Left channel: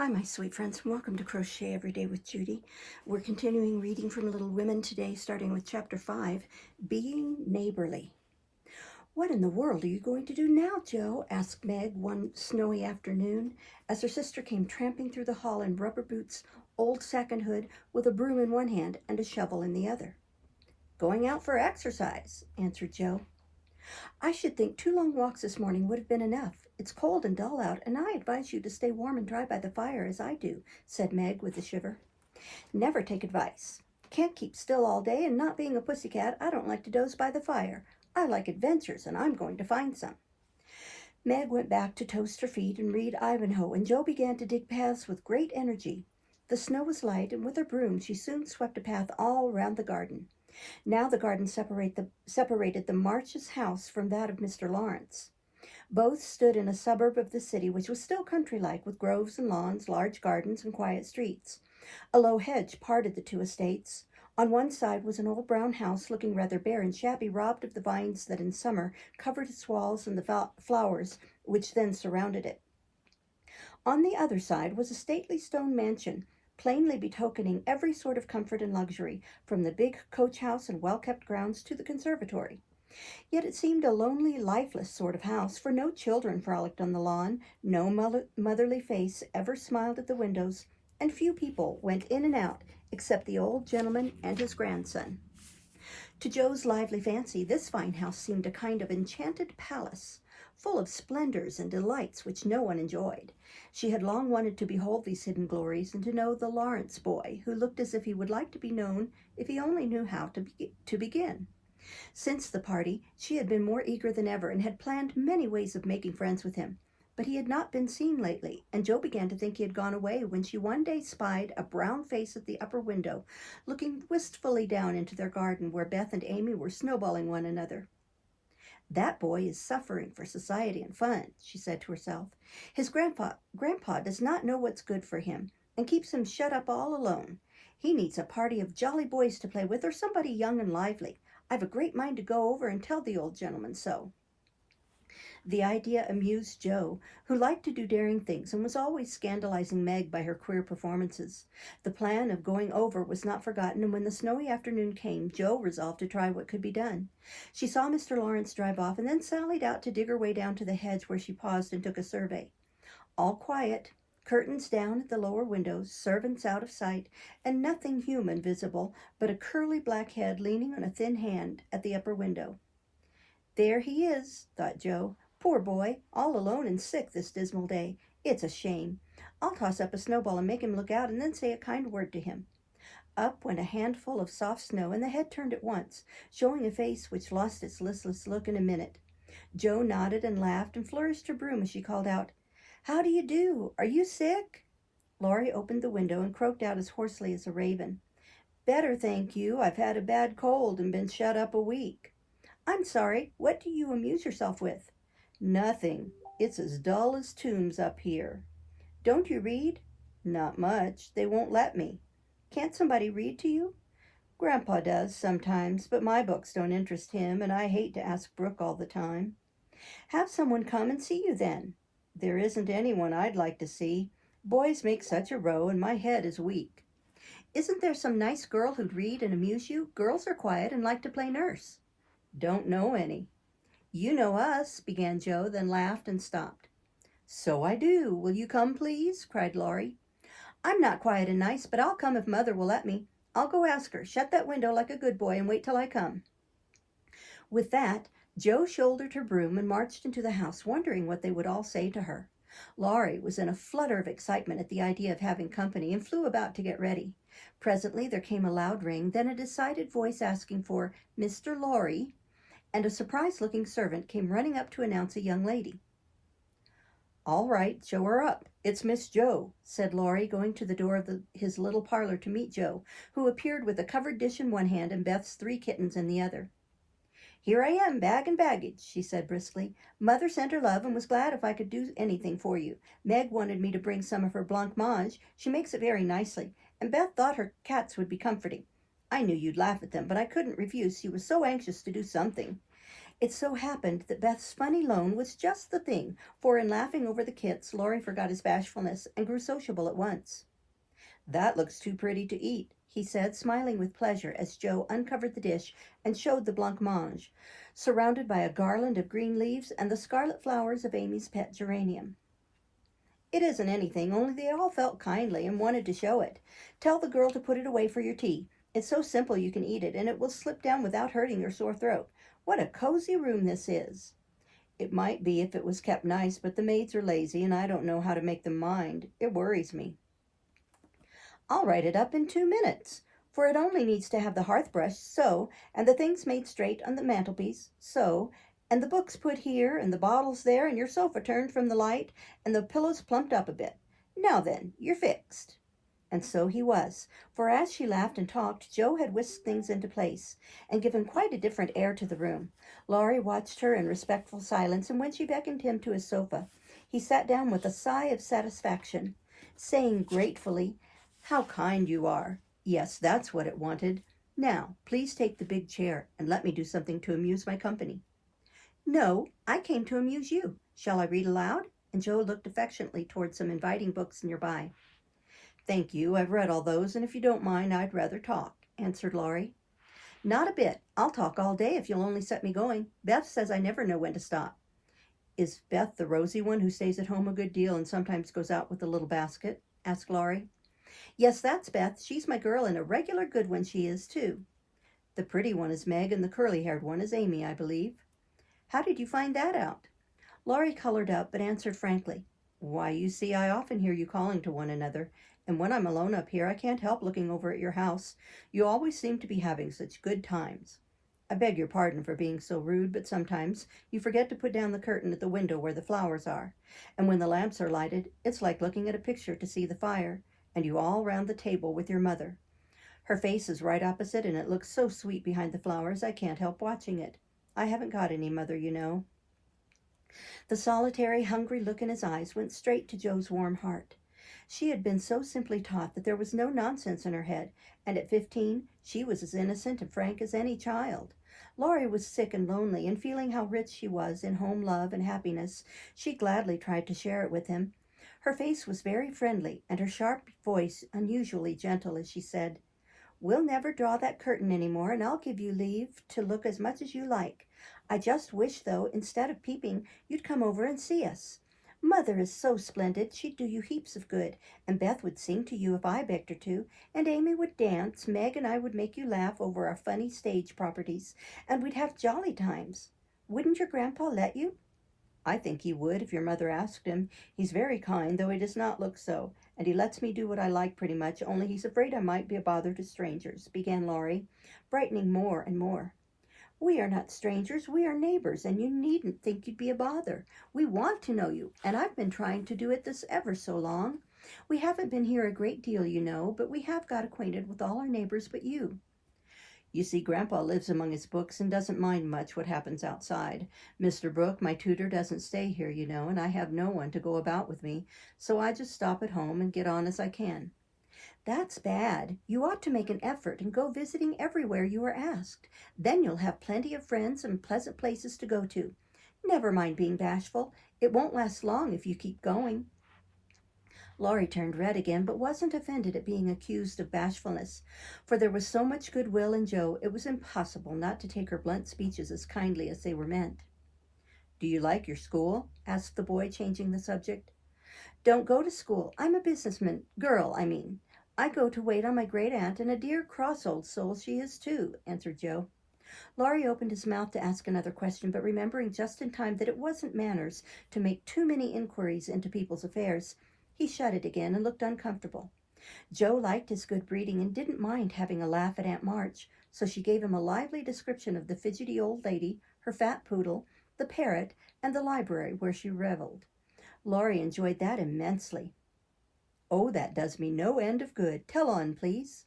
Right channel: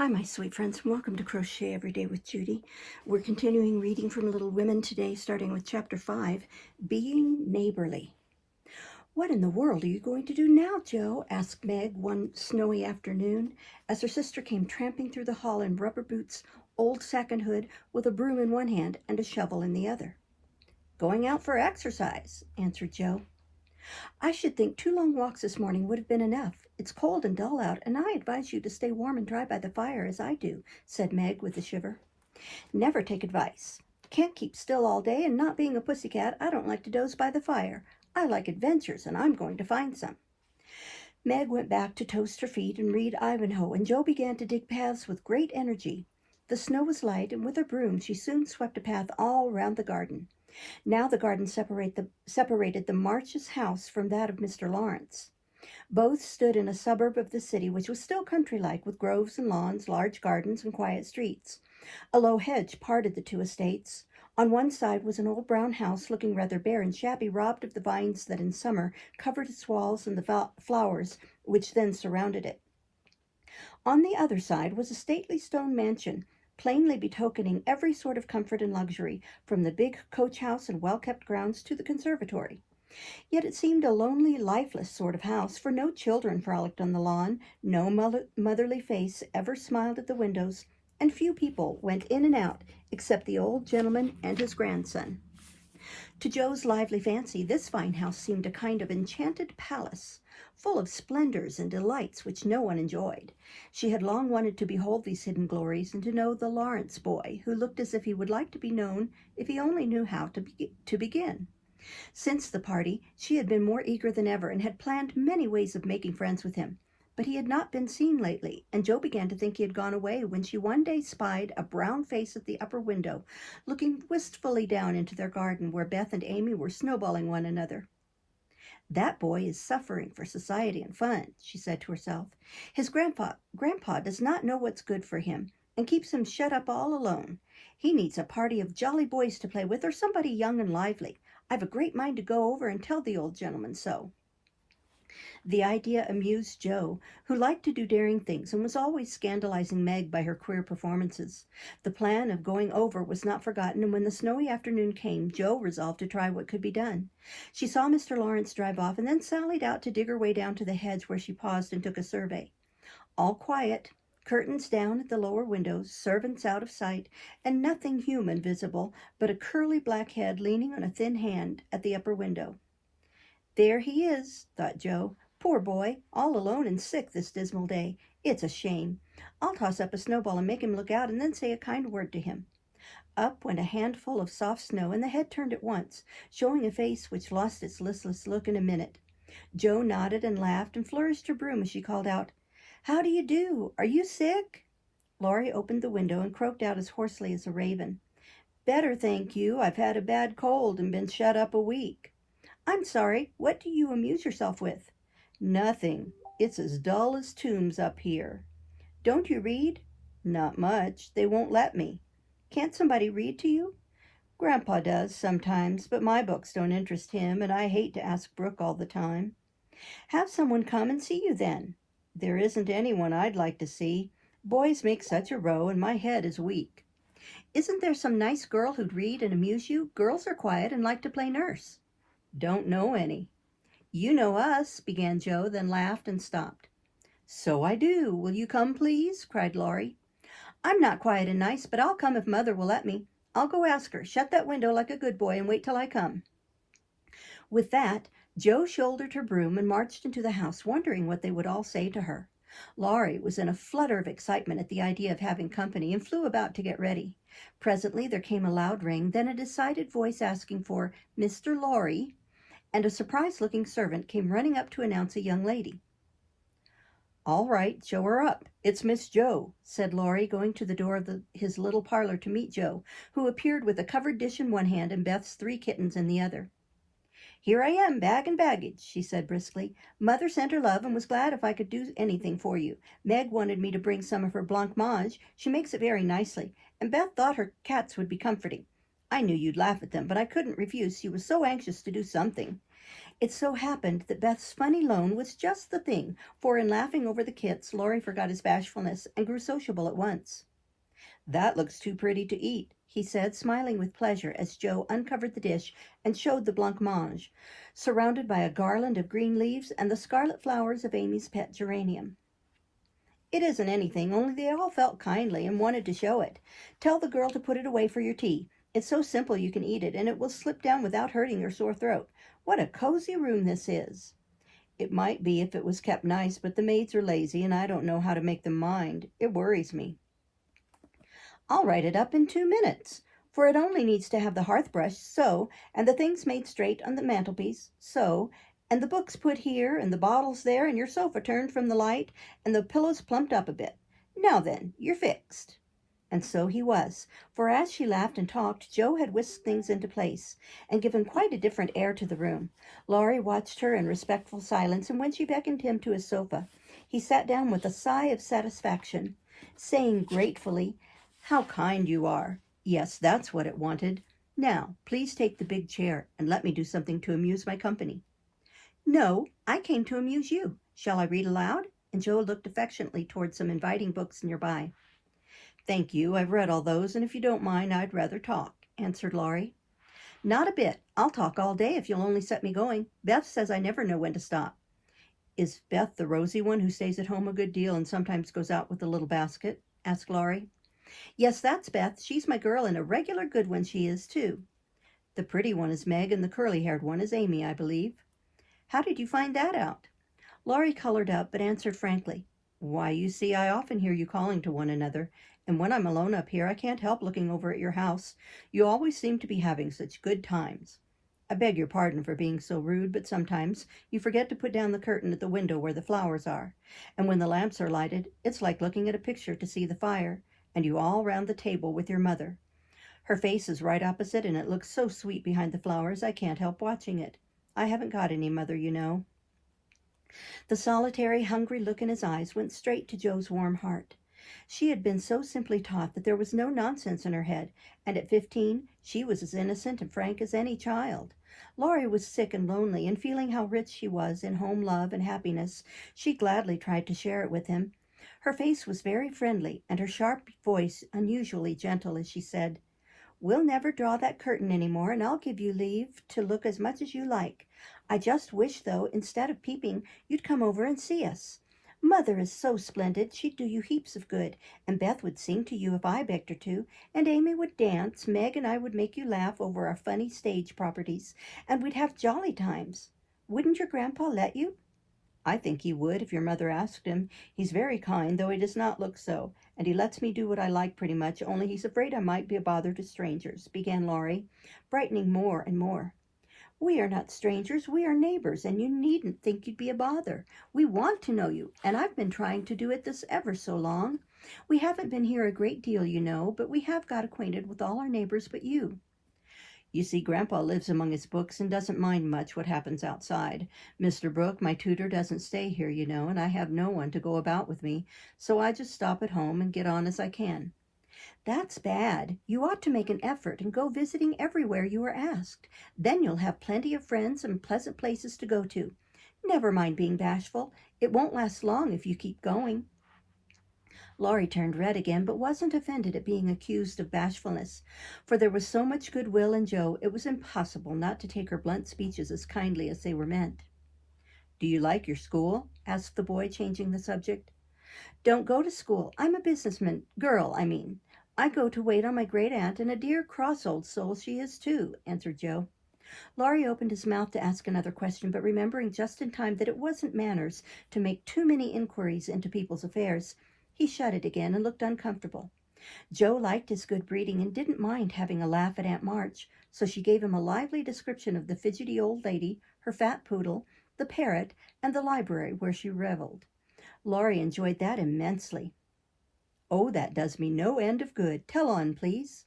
Hi, my sweet friends, and welcome to Crochet Every Day with Judy. We're continuing reading from Little Women today, starting with Chapter 5, Being Neighborly. "What in the world are you going to do now, Jo?" asked Meg one snowy afternoon, as her sister came tramping through the hall in rubber boots, old sack and hood, with a broom in one hand and a shovel in the other. "Going out for exercise," answered Jo. "I should think 2 long walks this morning would have been enough. It's cold and dull out, and I advise you to stay warm and dry by the fire as I do," said Meg with a shiver. "Never take advice. Can't keep still all day, and not being a pussycat, I don't like to doze by the fire. I like adventures, and I'm going to find some." Meg went back to toast her feet and read Ivanhoe, and Jo began to dig paths with great energy. The snow was light, and with her broom she soon swept a path all round the garden. Now the garden separated the Marches' house from that of Mr. Lawrence. Both stood in a suburb of the city, which was still country-like, with groves and lawns, large gardens, and quiet streets. A low hedge parted the two estates. On one side was an old brown house, looking rather bare and shabby, robbed of the vines that in summer covered its walls and the flowers which then surrounded it. On the other side was a stately stone mansion, plainly betokening every sort of comfort and luxury, from the big coach-house and well-kept grounds to the conservatory. Yet it seemed a lonely, lifeless sort of house, for no children frolicked on the lawn, no motherly face ever smiled at the windows, and few people went in and out except the old gentleman and his grandson. To Jo's lively fancy, this fine house seemed a kind of enchanted palace, full of splendors and delights which no one enjoyed. She had long wanted to behold these hidden glories, and to know the Lawrence boy, who looked as if he would like to be known if he only knew how to begin. Since the party, she had been more eager than ever, and had planned many ways of making friends with him. But he had not been seen lately, and Jo began to think he had gone away, when she one day spied a brown face at the upper window, looking wistfully down into their garden, where Beth and Amy were snowballing one another. "That boy is suffering for society and fun," she said to herself. "His grandpa does not know what's good for him, and keeps him shut up all alone. He needs a party of jolly boys to play with, or somebody young and lively. I've a great mind to go over and tell the old gentleman so." The idea amused Jo, who liked to do daring things and was always scandalizing Meg by her queer performances. The plan of going over was not forgotten, and when the snowy afternoon came, Jo resolved to try what could be done. She saw Mr. Lawrence drive off, and then sallied out to dig her way down to the hedge, where she paused and took a survey. All quiet, curtains down at the lower windows, servants out of sight, and nothing human visible but a curly black head leaning on a thin hand at the upper window. "There he is," thought Jo. "Poor boy, all alone and sick this dismal day. It's a shame. I'll toss up a snowball and make him look out, and then say a kind word to him." Up went a handful of soft snow, and the head turned at once, showing a face which lost its listless look in a minute. Jo nodded and laughed and flourished her broom as she called out, "How do you do? Are you sick?" Laurie opened the window and croaked out as hoarsely as a raven, "Better, thank you. I've had a bad cold and been shut up a week." "I'm sorry. What do you amuse yourself with?" "Nothing. It's as dull as tombs up here." "Don't you read?" "Not much. They won't let me." "Can't somebody read to you?" "Grandpa does sometimes, but my books don't interest him, and I hate to ask Brooke all the time." "Have someone come and see you then." "There isn't anyone I'd like to see. Boys make such a row, and my head is weak." "Isn't there some nice girl who'd read and amuse you? Girls are quiet and like to play nurse." "Don't know any." "You know us," began Jo, then laughed and stopped. "So I do. Will you come, please?" cried Laurie. "I'm not quiet and nice, but I'll come if Mother will let me. I'll go ask her. Shut that window like a good boy and wait till I come." With that, Jo shouldered her broom and marched into the house, wondering what they would all say to her. Laurie was in a flutter of excitement at the idea of having company, and flew about to get ready. Presently there came a loud ring, then a decided voice asking for "Mr. Laurie," and a surprised-looking servant came running up to announce a young lady. "All right, show her up. It's Miss Jo," said Laurie, going to the door of his little parlor to meet Jo, who appeared with a covered dish in one hand and Beth's 3 kittens in the other. "Here I am, bag and baggage," she said briskly. "Mother sent her love and was glad if I could do anything for you. Meg wanted me to bring some of her blancmange. She makes it very nicely, and Beth thought her cats would be comforting. I knew you'd laugh at them, but I couldn't refuse. She was so anxious to do something. It so happened that Beth's funny loan was just the thing, for in laughing over the kits, Laurie forgot his bashfulness and grew sociable at once. "That looks too pretty to eat," he said, smiling with pleasure as Joe uncovered the dish and showed the blancmange, surrounded by a garland of green leaves and the scarlet flowers of Amy's pet geranium. "It isn't anything, only they all felt kindly and wanted to show it. Tell the girl to put it away for your tea. It's so simple you can eat it, and it will slip down without hurting your sore throat. What a cozy room this is." "It might be if it was kept nice, but the maids are lazy, and I don't know how to make them mind. It worries me." "I'll write it up in 2 minutes, for it only needs to have the hearth brushed so, and the things made straight on the mantelpiece so, and the books put here, and the bottles there, and your sofa turned from the light, and the pillows plumped up a bit. Now then, you're fixed." And so he was, for as she laughed and talked, Joe had whisked things into place and given quite a different air to the room. Laurie watched her in respectful silence, and when she beckoned him to his sofa, he sat down with a sigh of satisfaction, saying gratefully, "How kind you are. Yes, that's what it wanted. Now, please take the big chair and let me do something to amuse my company." "No, I came to amuse you. Shall I read aloud?" And Joe looked affectionately toward some inviting books nearby. "Thank you, I've read all those, and if you don't mind, I'd rather talk," answered Laurie. "Not a bit. I'll talk all day if you'll only set me going. Beth says I never know when to stop." "Is Beth the rosy one who stays at home a good deal and sometimes goes out with a little basket?" asked Laurie. "Yes, that's Beth. She's my girl, and a regular good one she is, too." "The pretty one is Meg, and the curly-haired one is Amy, I believe." "How did you find that out?" Laurie colored up, but answered frankly, "Why, you see, I often hear you calling to one another, and when I'm alone up here, I can't help looking over at your house. You always seem to be having such good times. I beg your pardon for being so rude, but sometimes you forget to put down the curtain at the window where the flowers are, and when the lamps are lighted, it's like looking at a picture to see the fire, and you all round the table with your mother. Her face is right opposite, and it looks so sweet behind the flowers, I can't help watching it. I haven't got any mother, you know." The solitary, hungry look in his eyes went straight to Joe's warm heart. She had been so simply taught that there was no nonsense in her head, and at 15 she was as innocent and frank as any child. Laurie was sick and lonely, and feeling how rich she was in home love and happiness, she gladly tried to share it with him. Her face was very friendly, and her sharp voice unusually gentle as she said, "We'll never draw that curtain any more, and I'll give you leave to look as much as you like. I just wish, though, instead of peeping, you'd come over and see us. Mother is so splendid, she'd do you heaps of good, and Beth would sing to you if I begged her to, and Amy would dance, Meg and I would make you laugh over our funny stage properties, and we'd have jolly times. Wouldn't your grandpa let you?" "I think he would if your mother asked him. He's very kind, though he does not look so, and he lets me do what I like pretty much, only he's afraid I might be a bother to strangers," began Laurie, brightening more and more. "We are not strangers, we are neighbors, and you needn't think you'd be a bother. We want to know you, and I've been trying to do it this ever so long. We haven't been here a great deal, you know, but we have got acquainted with all our neighbors but you. You see, Grandpa lives among his books and doesn't mind much what happens outside. Mr. Brooke, my tutor, doesn't stay here, you know, and I have no one to go about with me, so I just stop at home and get on as I can." "That's bad. You ought to make an effort and go visiting everywhere you are asked. Then you'll have plenty of friends and pleasant places to go to. Never mind being bashful. It won't last long if you keep going." Laurie turned red again, but wasn't offended at being accused of bashfulness, for there was so much goodwill in Joe it was impossible not to take her blunt speeches as kindly as they were meant. "Do you like your school?" asked the boy, changing the subject. "Don't go to school. I'm a businessman. Girl, I mean. I go to wait on my great aunt, and a dear cross old soul she is too," answered Joe. Laurie opened his mouth to ask another question, but remembering just in time that it wasn't manners to make too many inquiries into people's affairs, he shut it again and looked uncomfortable. Joe liked his good breeding and didn't mind having a laugh at Aunt March, so she gave him a lively description of the fidgety old lady, her fat poodle, the parrot, and the library where she reveled. Laurie enjoyed that immensely. "Oh, that does me no end of good. Tell on, please."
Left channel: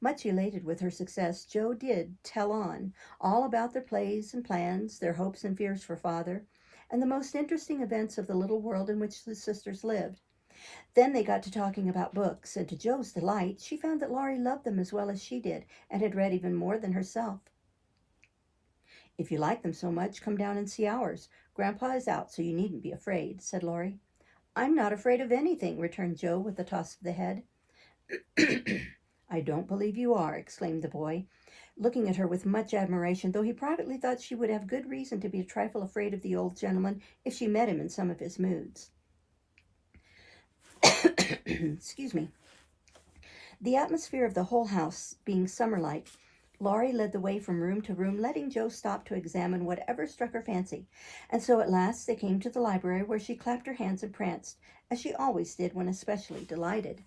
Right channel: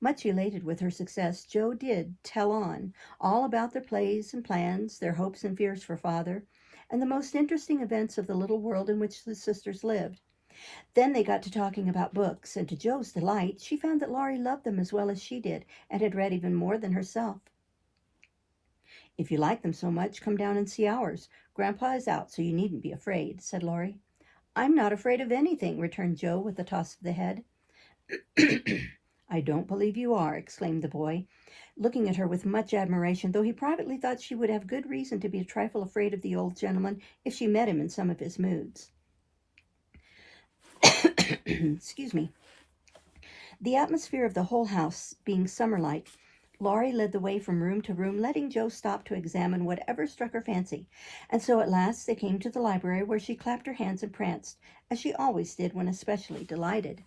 Much elated with her success, Joe did tell on, all about their plays and plans, their hopes and fears for father, and the most interesting events of the little world in which the sisters lived. Then they got to talking about books, and to Joe's delight, she found that Laurie loved them as well as she did, and had read even more than herself. If you like them so much, come down and see ours. Grandpa is out, so you needn't be afraid, said Laurie. I'm not afraid of anything, returned Joe with a toss of the head. I don't believe you are, exclaimed the boy, looking at her with much admiration, though he privately thought she would have good reason to be a trifle afraid of the old gentleman if she met him in some of his moods. Excuse me. The atmosphere of the whole house being summer-like, Laurie led the way from room to room, letting Joe stop to examine whatever struck her fancy, and so at last they came to the library, where she clapped her hands and pranced, as she always did when especially delighted.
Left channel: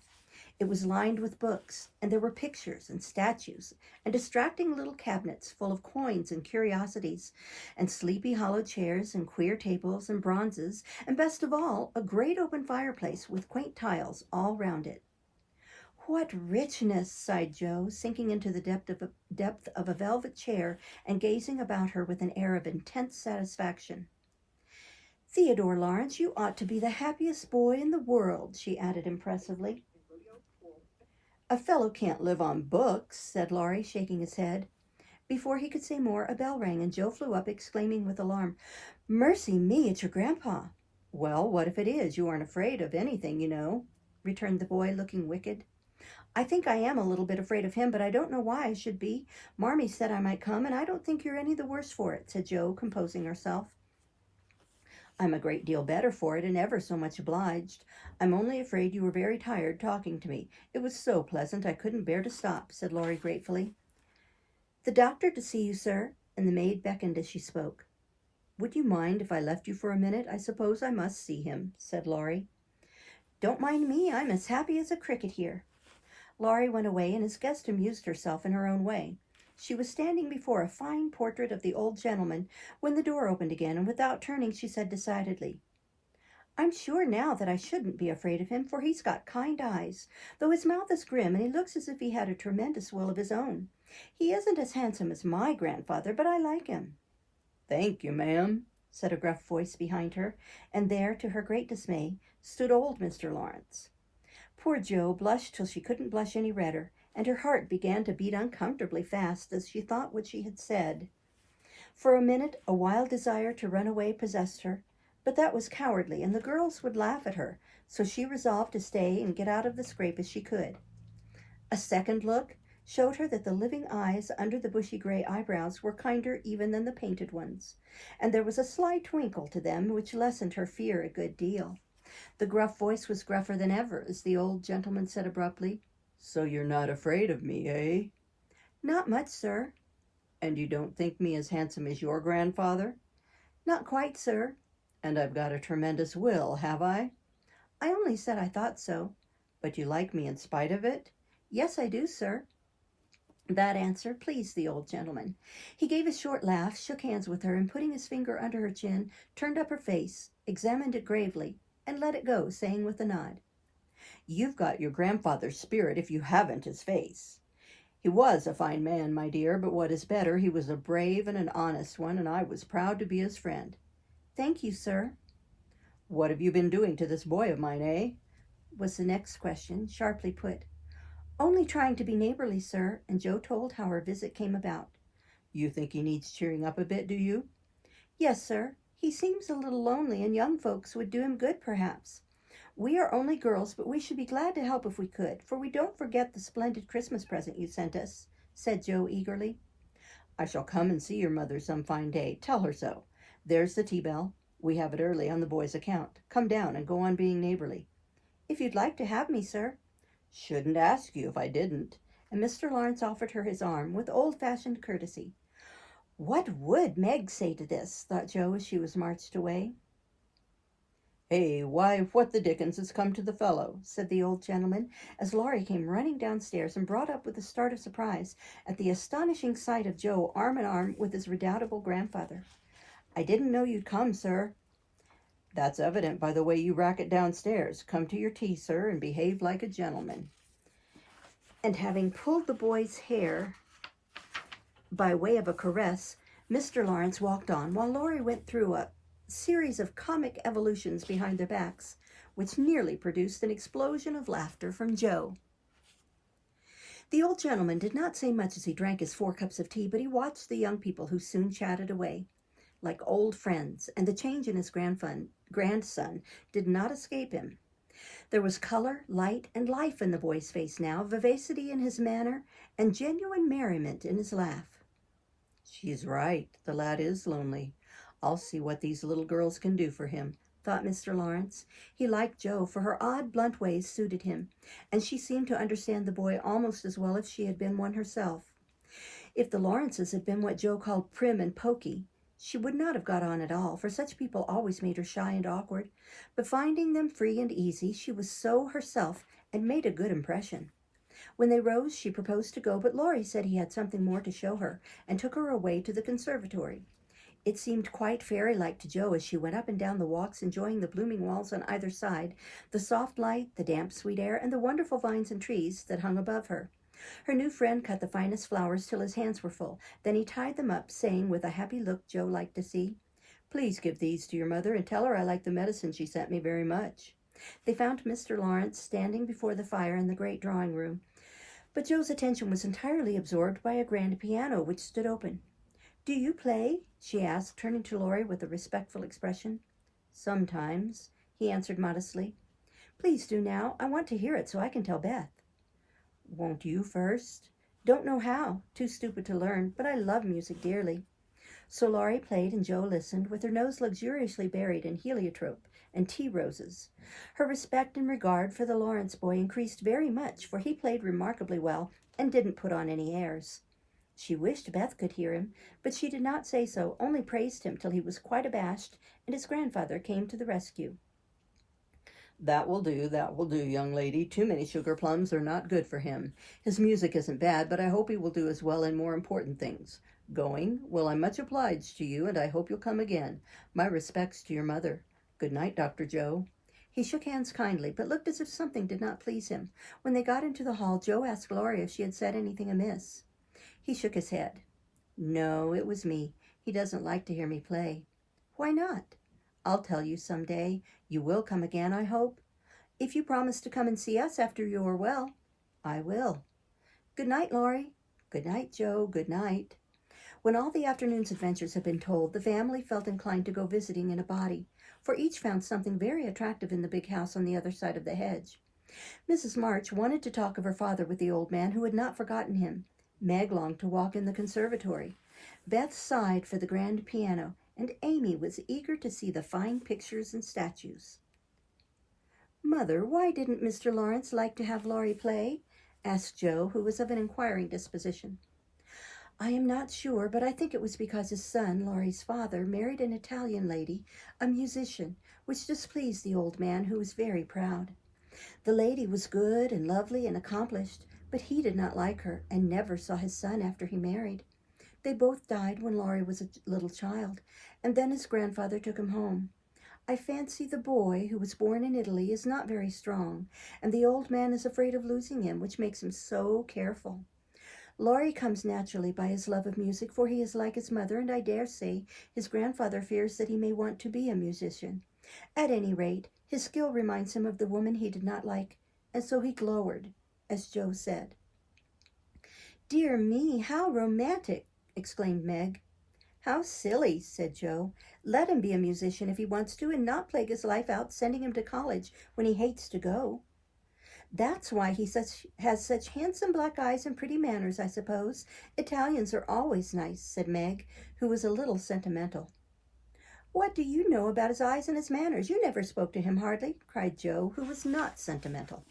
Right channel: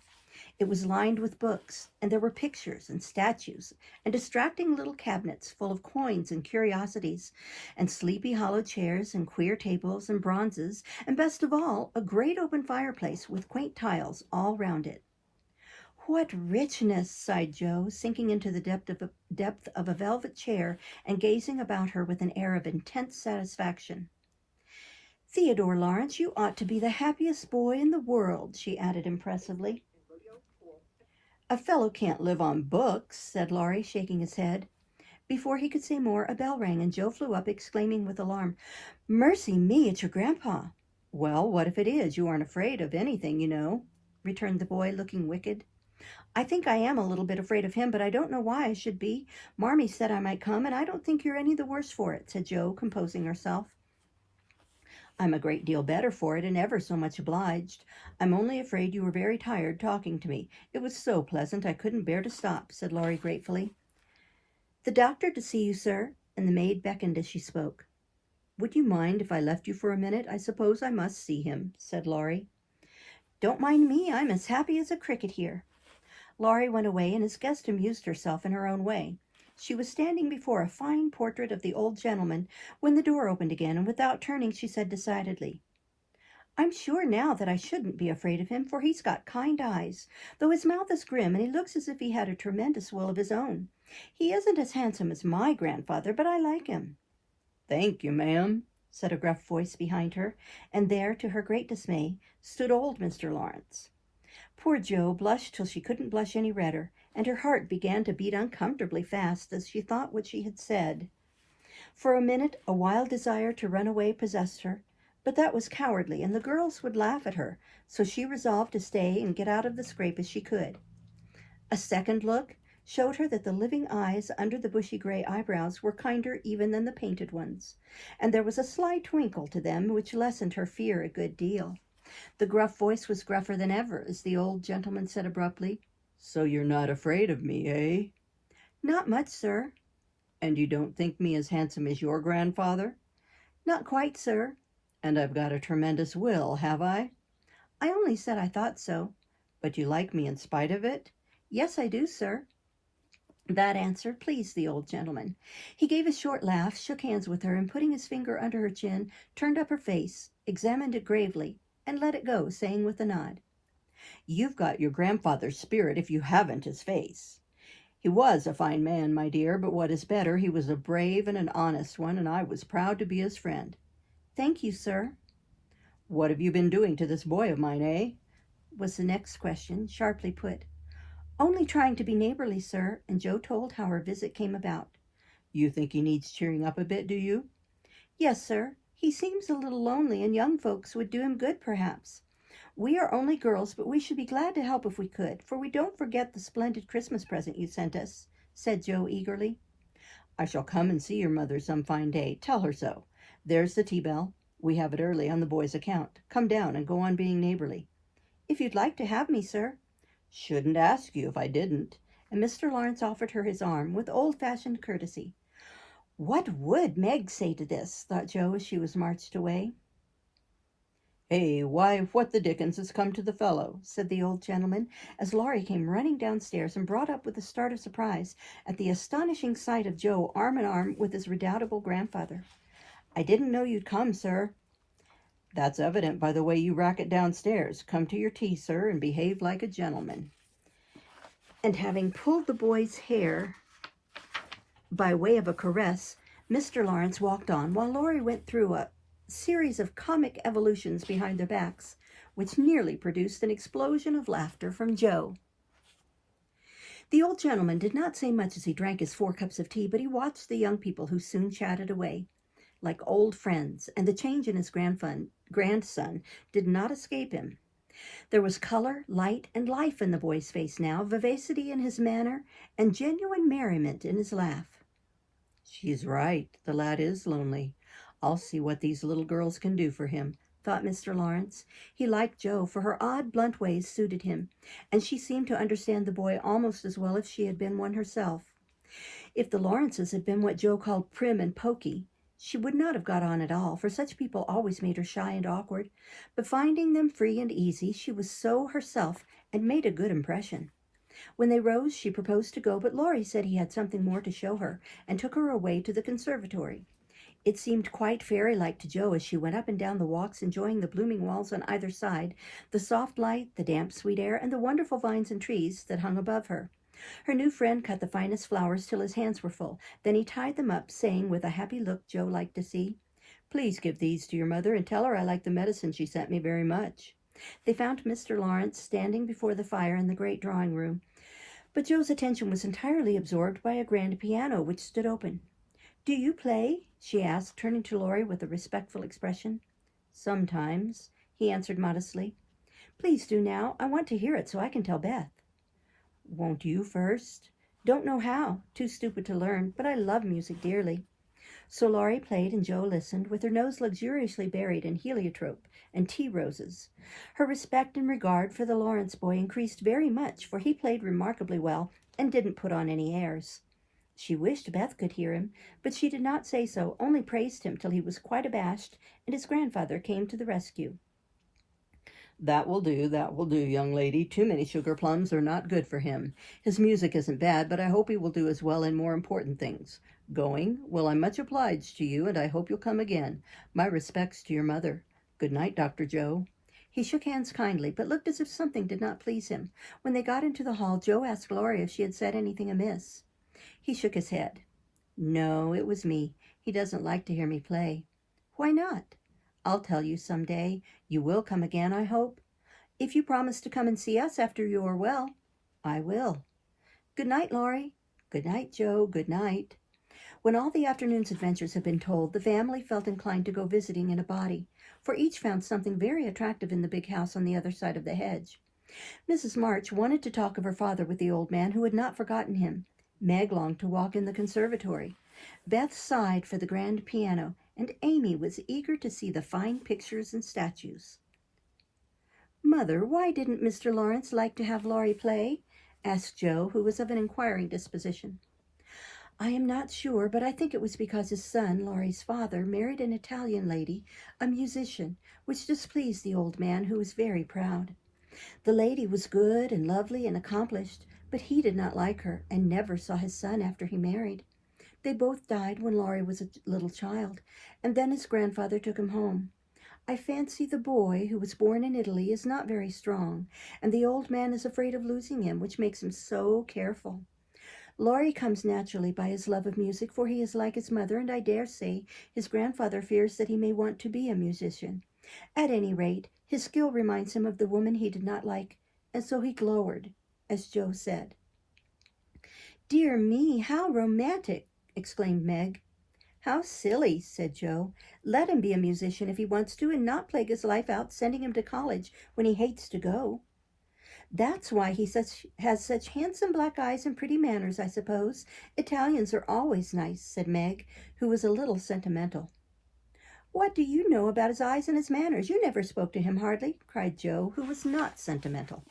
It was lined with books, and there were pictures and statues, and distracting little cabinets full of coins and curiosities, and sleepy hollow chairs, and queer tables and bronzes, and best of all, a great open fireplace with quaint tiles all round it. What richness, sighed Joe, sinking into the depth of a velvet chair and gazing about her with an air of intense satisfaction. Theodore Lawrence, you ought to be the happiest boy in the world, she added impressively. A fellow can't live on books, said Laurie, shaking his head. Before he could say more, a bell rang, and Joe flew up, exclaiming with alarm, Mercy me, it's your grandpa. Well, what if it is? You aren't afraid of anything, you know, returned the boy, looking wicked. I think I am a little bit afraid of him, but I don't know why I should be. Marmee said I might come, and I don't think you're any the worse for it, said Joe, composing herself. I'm a great deal better for it, and ever so much obliged. I'm only afraid you were very tired talking to me. It was so pleasant I couldn't bear to stop, said Laurie gratefully. The doctor to see you, sir, and the maid beckoned as she spoke. Would you mind if I left you for a minute? I suppose I must see him, said Laurie. Don't mind me. I'm as happy as a cricket here. Laurie went away, and his guest amused herself in her own way. She was standing before a fine portrait of the old gentleman when the door opened again, and without turning she said decidedly, I'm sure now that I shouldn't be afraid of him, for he's got kind eyes, though his mouth is grim, and he looks as if he had a tremendous will of his own. He isn't as handsome as my grandfather, but I like him. Thank you, ma'am, said a gruff voice behind her, and there, to her great dismay, stood old Mr. Lawrence. Poor Jo blushed till she couldn't blush any redder, and her heart began to beat uncomfortably fast as she thought what she had said. For a minute, a wild desire to run away possessed her, but that was cowardly, and the girls would laugh at her, so she resolved to stay and get out of the scrape as she could. A second look showed her that the living eyes under the bushy gray eyebrows were kinder even than the painted ones, and there was a sly twinkle to them which lessened her fear a good deal. The gruff voice was gruffer than ever, as the old gentleman said abruptly, So you're not afraid of me, eh? Not much, sir. And you don't think me as handsome as your grandfather? Not quite, sir. And I've got a tremendous will, have I? I only said I thought so. But you like me in spite of it? Yes, I do, sir. That answer pleased the old gentleman. He gave a short laugh, shook hands with her, and putting his finger under her chin, turned up her face, examined it gravely, and let it go, saying with a nod, You've got your grandfather's spirit if you haven't his face. He was a fine man, my dear, but what is better, he was a brave and an honest one, and I was proud to be his friend. Thank you, sir. What have you been doing to this boy of mine, eh? Was the next question, sharply put. Only trying to be neighborly, sir, and Jo told how her visit came about. You think he needs cheering up a bit, do you? Yes, sir. He seems a little lonely, and young folks would do him good, perhaps. We are only girls, but we should be glad to help if we could, for we don't forget the splendid Christmas present you sent us, said Jo eagerly. I shall come and see your mother some fine day. Tell her so. There's the tea bell. We have it early on the boy's account. Come down and go on being neighborly. If you'd like to have me, sir. Shouldn't ask you if I didn't. And Mr. Lawrence offered her his arm with old-fashioned courtesy. What would Meg say to this? Thought Jo as she was marched away. Hey, why, what the dickens has come to the fellow? Said the old gentleman, as Laurie came running downstairs and brought up with a start of surprise at the astonishing sight of Jo arm in arm with his redoubtable grandfather. I didn't know you'd come, sir. That's evident by the way you racket downstairs. Come to your tea, sir, and behave like a gentleman. And having pulled the boy's hair by way of a caress, Mr. Lawrence walked on, while Laurie went through a series of comic evolutions behind their backs, which nearly produced an explosion of laughter from Jo. The old gentleman did not say much as he drank his 4 cups of tea, but he watched the young people who soon chatted away like old friends, and the change in his grandson did not escape him. There was color, light, and life in the boy's face now, vivacity in his manner, and genuine merriment in his laugh. She's right, the lad is lonely. I'll see what these little girls can do for him, thought Mr. Lawrence. He liked Jo, for her odd, blunt ways suited him, and she seemed to understand the boy almost as well as she had been one herself. If the Lawrences had been what Jo called prim and poky, she would not have got on at all, for such people always made her shy and awkward. But finding them free and easy, she was so herself and made a good impression. When they rose, she proposed to go, but Laurie said he had something more to show her, and took her away to the conservatory. It seemed quite fairy-like to Jo as she went up and down the walks, enjoying the blooming walls on either side, the soft light, the damp, sweet air, and the wonderful vines and trees that hung above her. Her new friend cut the finest flowers till his hands were full. Then he tied them up, saying with a happy look Jo liked to see, "Please give these to your mother and tell her I like the medicine she sent me very much." They found Mr. Lawrence standing before the fire in the great drawing room, but Jo's attention was entirely absorbed by a grand piano which stood open. "Do you play?" she asked, turning to Laurie with a respectful expression. "Sometimes," he answered modestly. "Please do now. I want to hear it so I can tell Beth." "Won't you first?" "Don't know how. Too stupid to learn, but I love music dearly." So Laurie played and Jo listened, with her nose luxuriously buried in heliotrope and tea roses. Her respect and regard for the Lawrence boy increased very much, for he played remarkably well and didn't put on any airs. She wished Beth could hear him, but she did not say so, only praised him till he was quite abashed, and his grandfather came to the rescue. That will do, young lady. Too many sugar plums are not good for him. His music isn't bad, but I hope he will do as well in more important things. Going? Well, I'm much obliged to you, and I hope you'll come again. My respects to your mother. Good night, Dr. Jo." He shook hands kindly, but looked as if something did not please him. When they got into the hall, Jo asked Laurie if she had said anything amiss. He shook his head. "No, it was me. He doesn't like to hear me play." "Why not?" "I'll tell you some day. You will come again, I hope?" "If you promise to come and see us after you are well." "I will." "Good night, Laurie." "Good night, Jo. Good night." When all the afternoon's adventures had been told, the family felt inclined to go visiting in a body, for each found something very attractive in the big house on the other side of the hedge. Mrs. March wanted to talk of her father with the old man, who had not forgotten him. Meg longed to walk in the conservatory. Beth sighed for the grand piano, and Amy was eager to see the fine pictures and statues. "Mother, why didn't Mr. Lawrence like to have Laurie play?" asked Jo, who was of an inquiring disposition. "I am not sure, but I think it was because his son, Laurie's father, married an Italian lady, a musician, which displeased the old man, who was very proud. The lady was good and lovely and accomplished, but he did not like her, and never saw his son after he married. They both died when Laurie was a little child, and then his grandfather took him home. I fancy the boy, who was born in Italy, is not very strong, and the old man is afraid of losing him, which makes him so careful. Laurie comes naturally by his love of music, for he is like his mother, and I dare say his grandfather fears that he may want to be a musician. At any rate, his skill reminds him of the woman he did not like, and so he glowered, as Jo said." "Dear me, how romantic!" exclaimed Meg. "How silly," said Jo. "Let him be a musician if he wants to, and not plague his life out sending him to college when he hates to go." "That's why he has such handsome black eyes and pretty manners, I suppose. Italians are always nice," said Meg, who was a little sentimental. "What do you know about his eyes and his manners? You never spoke to him hardly," cried Jo, who was not sentimental.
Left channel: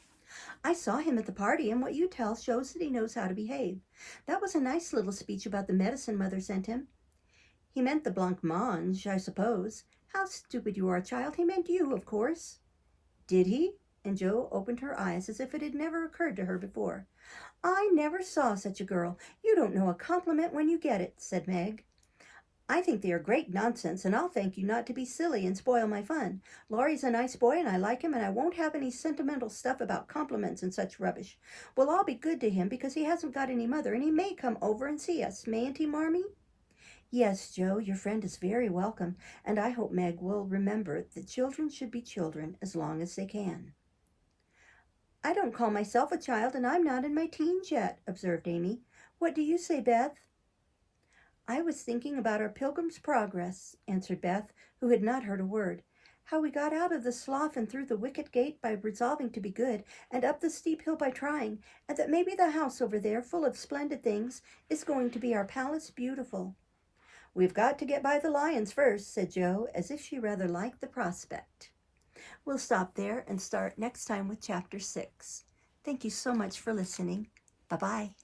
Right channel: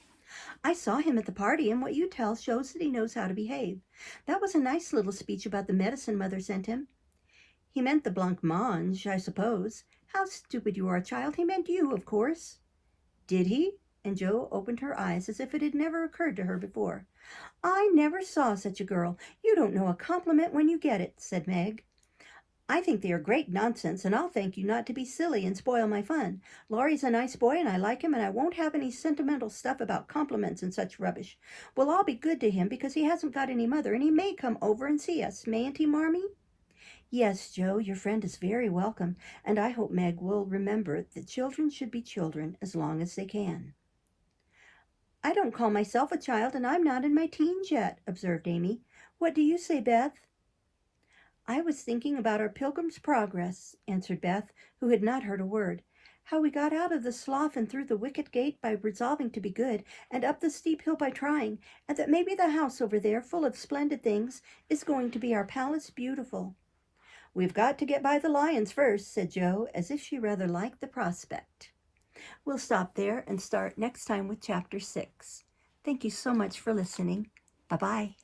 "I saw him at the party, and what you tell shows that he knows how to behave. That was a nice little speech about the medicine Mother sent him." "He meant the blancmange, I suppose." "How stupid you are, child. He meant you, of course." "Did he?" And Jo opened her eyes as if it had never occurred to her before. "I never saw such a girl. You don't know a compliment when you get it," said Meg. "I think they are great nonsense, and I'll thank you not to be silly and spoil my fun. Laurie's a nice boy, and I like him, and I won't have any sentimental stuff about compliments and such rubbish. We'll all be good to him because he hasn't got any mother, and he may come over and see us, mayn't he, Marmee?" "Yes, Jo, your friend is very welcome, and I hope Meg will remember that children should be children as long as they can." I don't call myself a child, and I'm not in my teens yet, observed Amy. What do you say, Beth? I was thinking about our Pilgrim's Progress, answered Beth, who had not heard a word. How we got out of the slough and through the wicket gate by resolving to be good, and up the steep hill by trying, and that maybe the house over there, full of splendid things, is going to be our Palace Beautiful. We've got to get by the lions first, said Jo, as if she rather liked the prospect. We'll stop there and start next time with Chapter 6. Thank you so much for listening. Bye-bye.